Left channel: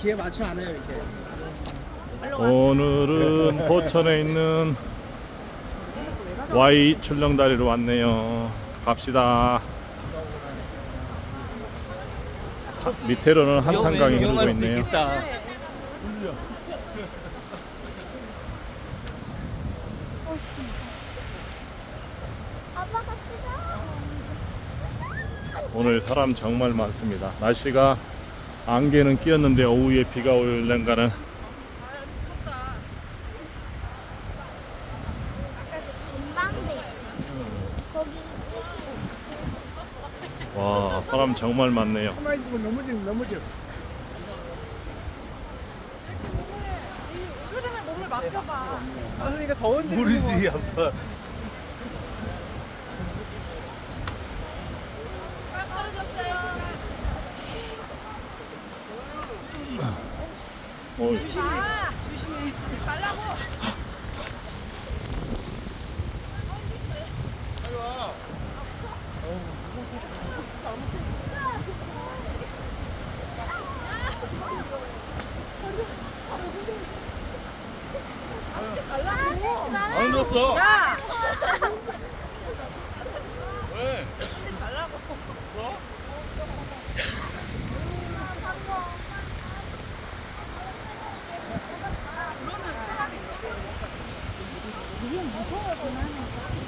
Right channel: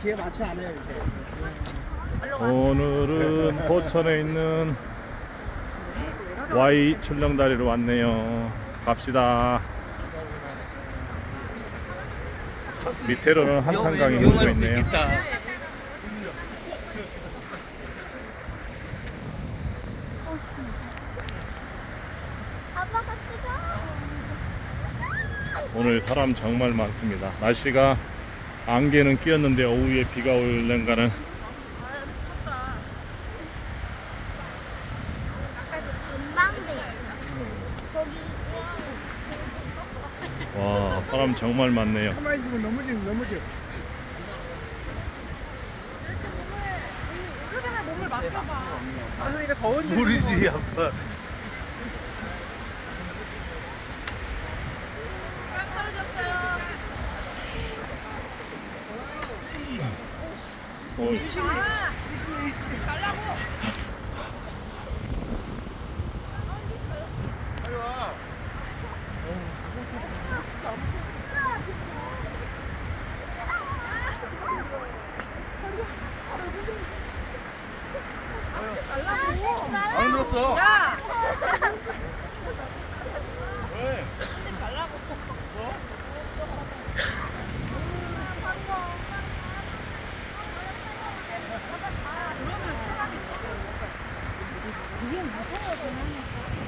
기회 맞춰 안 해요. 오늘은 포천에 있는 Y 출렁다리로 왔네요. 갑시다. 밑에로는 한탄강이 흐르고 있네요. 오늘 사람 정말 많습니다. 날씨가 안개는 끼었는데 오후에 비가 올는가는 와 사람 정말 많네요. 가만히 있으면 넘어지면 넘어져. 그러 더운데. 모르지 아빠. 어, 안 들었어. 야, 그게 무슨 말이야?